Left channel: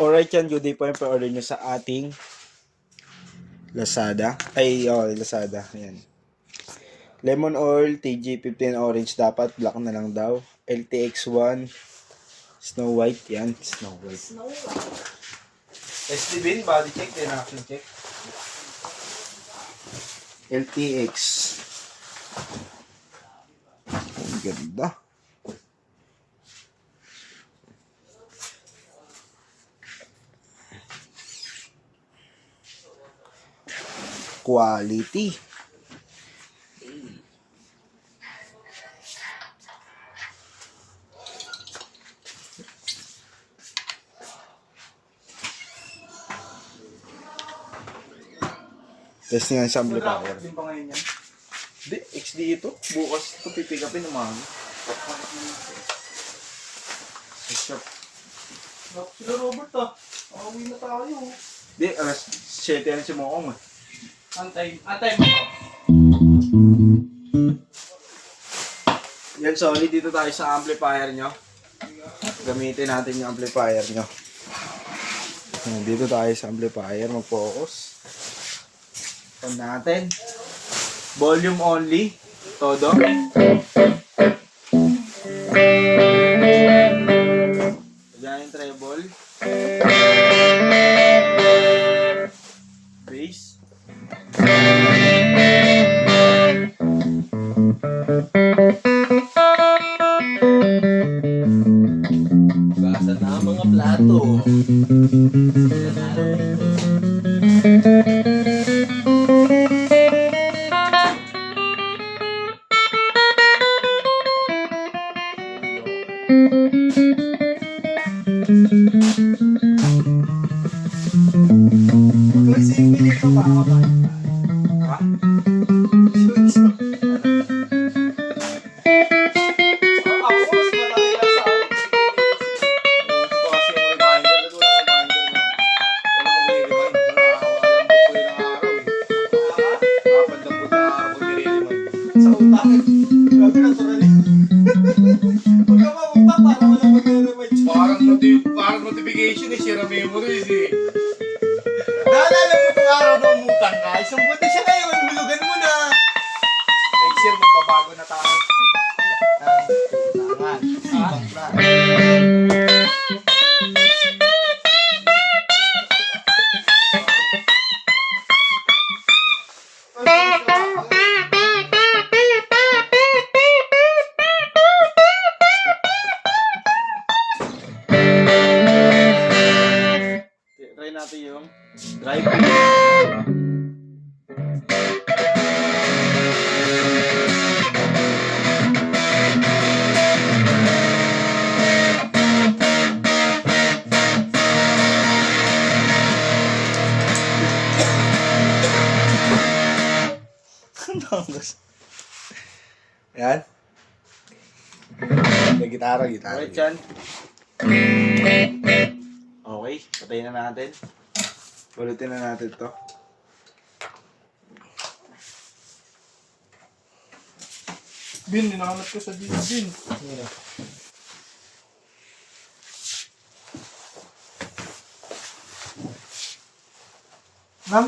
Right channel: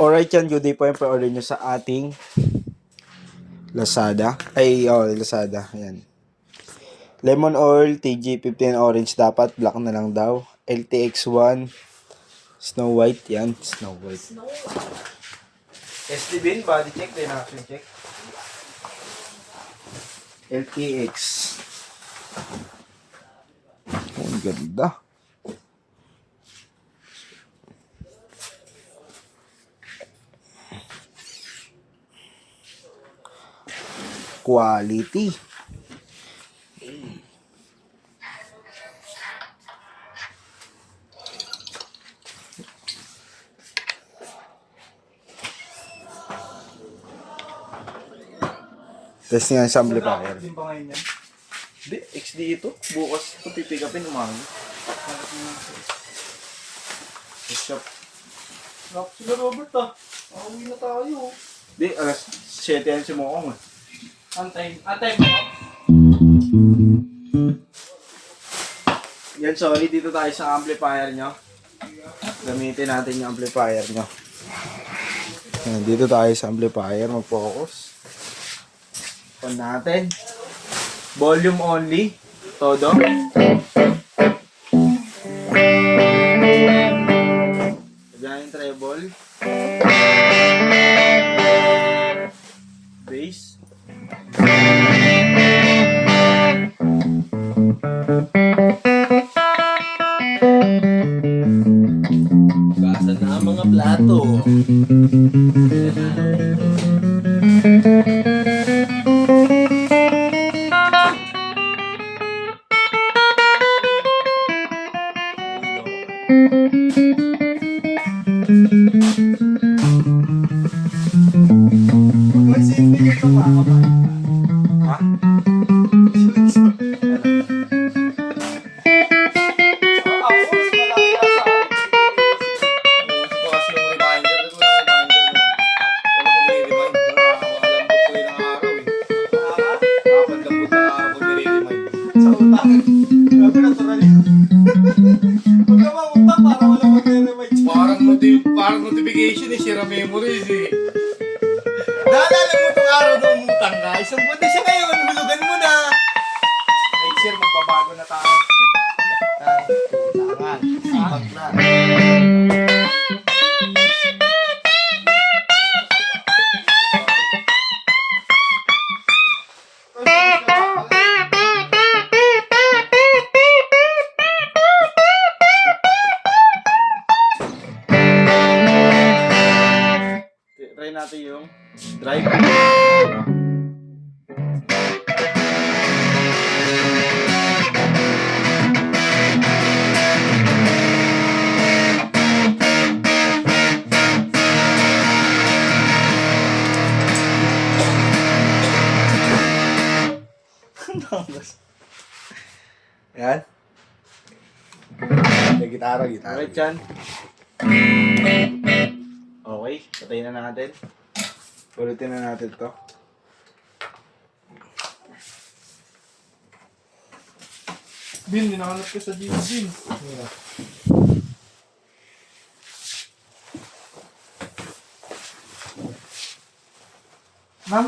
Alright yan, good day po yung pa-order nyo sa ating Lazada. Lazada. Ayan. Lemon oil, TG15 orange dapat. Black na lang daw. LTX1, Snow White. Yan, Snow White. SD bin, body check, then action check. LTX. Ang ganda. Quality. Testing nga sa amplifier. Din pa ngayon yan? Hindi, XD ito. Bukas ito pipick upin umaga. Sa shop. Sila Robert ah. Makauwi na tayo. Hindi, alas 7 yan si Mokong eh. Antay mo. Yan, solid dito tayo sa amplifier nyo. Gamitin natin yung amplifier nyo. Yan, dito tayo sa amplifier. Mag-focus. On natin. Volume only. Todo. Diyan yung treble. Bass. Basa na ang mga plato. Parang notification eh, share memories eh. Naalala mo itong araw na umutang ka? Isang buwan na siya ngayon, hulugan mo na. Next year, magbabago na tayo. Try natin yung drive. Yan. May gitara. Alright yan. Okay, patayin na natin. Ulitin na natin to. Bin, hinahanap ko sa Bin. Ma'am?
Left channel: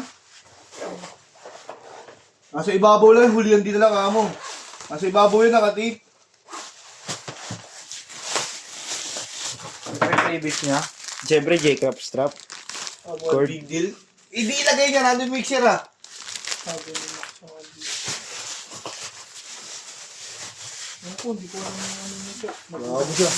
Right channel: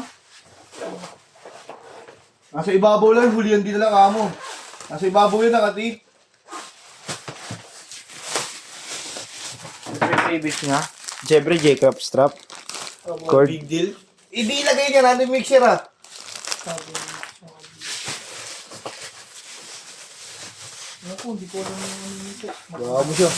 Nasa ibabaw lang, hulihan din na lang kamo. Nasa ibabaw yun, nakatip. Ito yung base niya. Siyempre, J-Crop strap. Cord. Big deal. Hindi ilagay niya natin mixer ah. Sabi mo. Ako, hindi ko alam yung ano nito. Bago siya.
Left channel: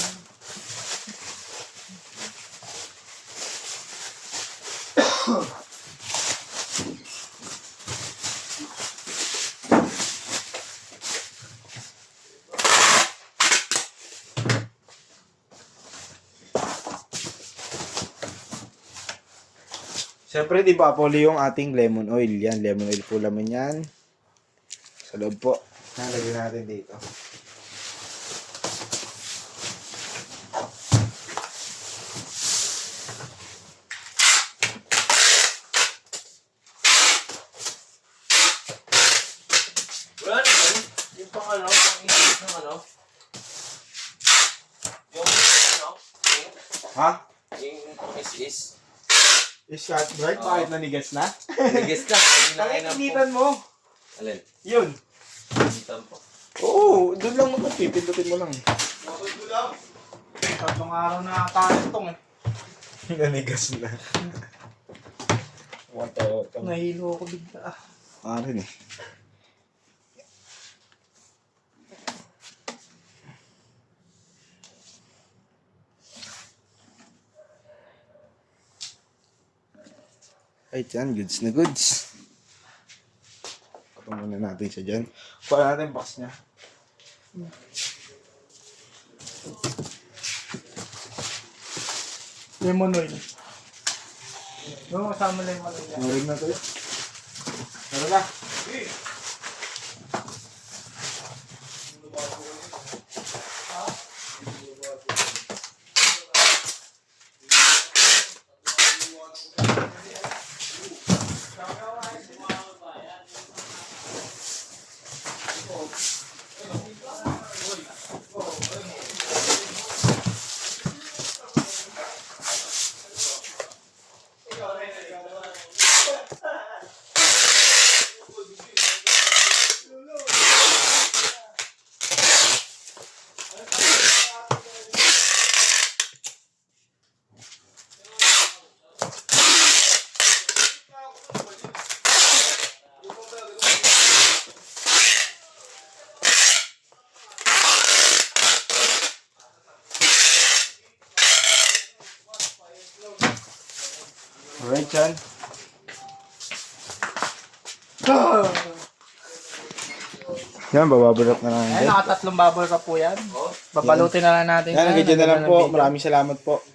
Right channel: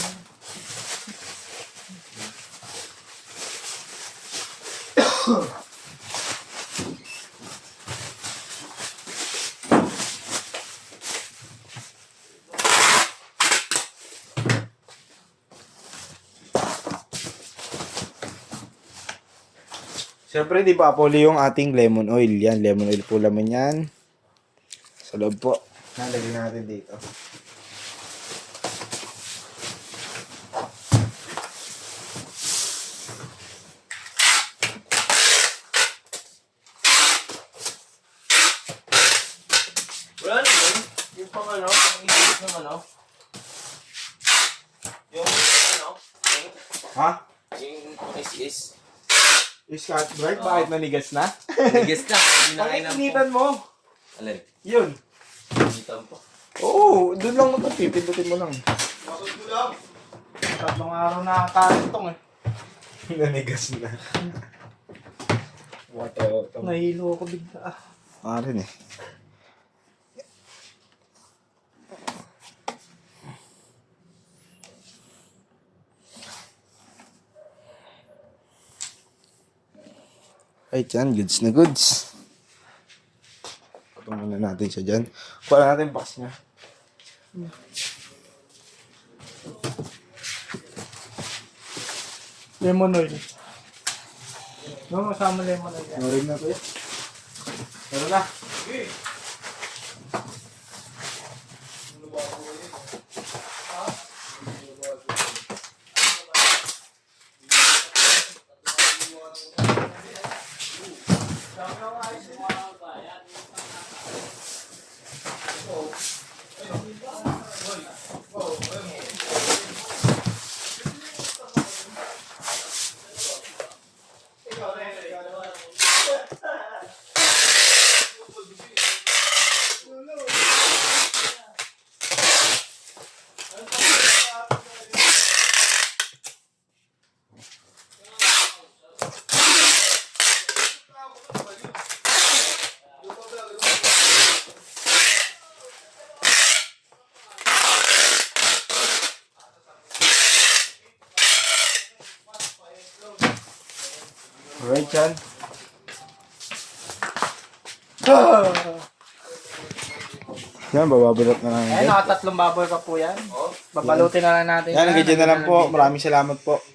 Siyempre, di ba puli yung ating lemon oil. Yan, lemon oil po laman yan. Sa loob po. Nalagay natin dito. Wala naman. Yung pang ano, pang isip ng ano. Yung ano, Ha? yung is. Scotch Brite, bakit nanigas na? Nagis na. Hindi na kayo Bakit initan mo? Alin? Yun. Initan po. Oo, doon lang magpipindutin mo lang. Tatlong araw na kakantong eh. Nanigas na. Wato. Nahilo ako bigla. Rin eh. Ay, dyan. Goods na goods. Patong muna natin siya dyan. Kuha natin box niya. Lemon oil. No, kasama lemon oil. Narig na tayo. Tara na. Alright, Chan. Yan, bababalot na lang Ay, yan. nakatatlong bubble wrap po yan. Babalutin na lang natin. Yan, hanggang dyan na lang po. Maraming salamat po.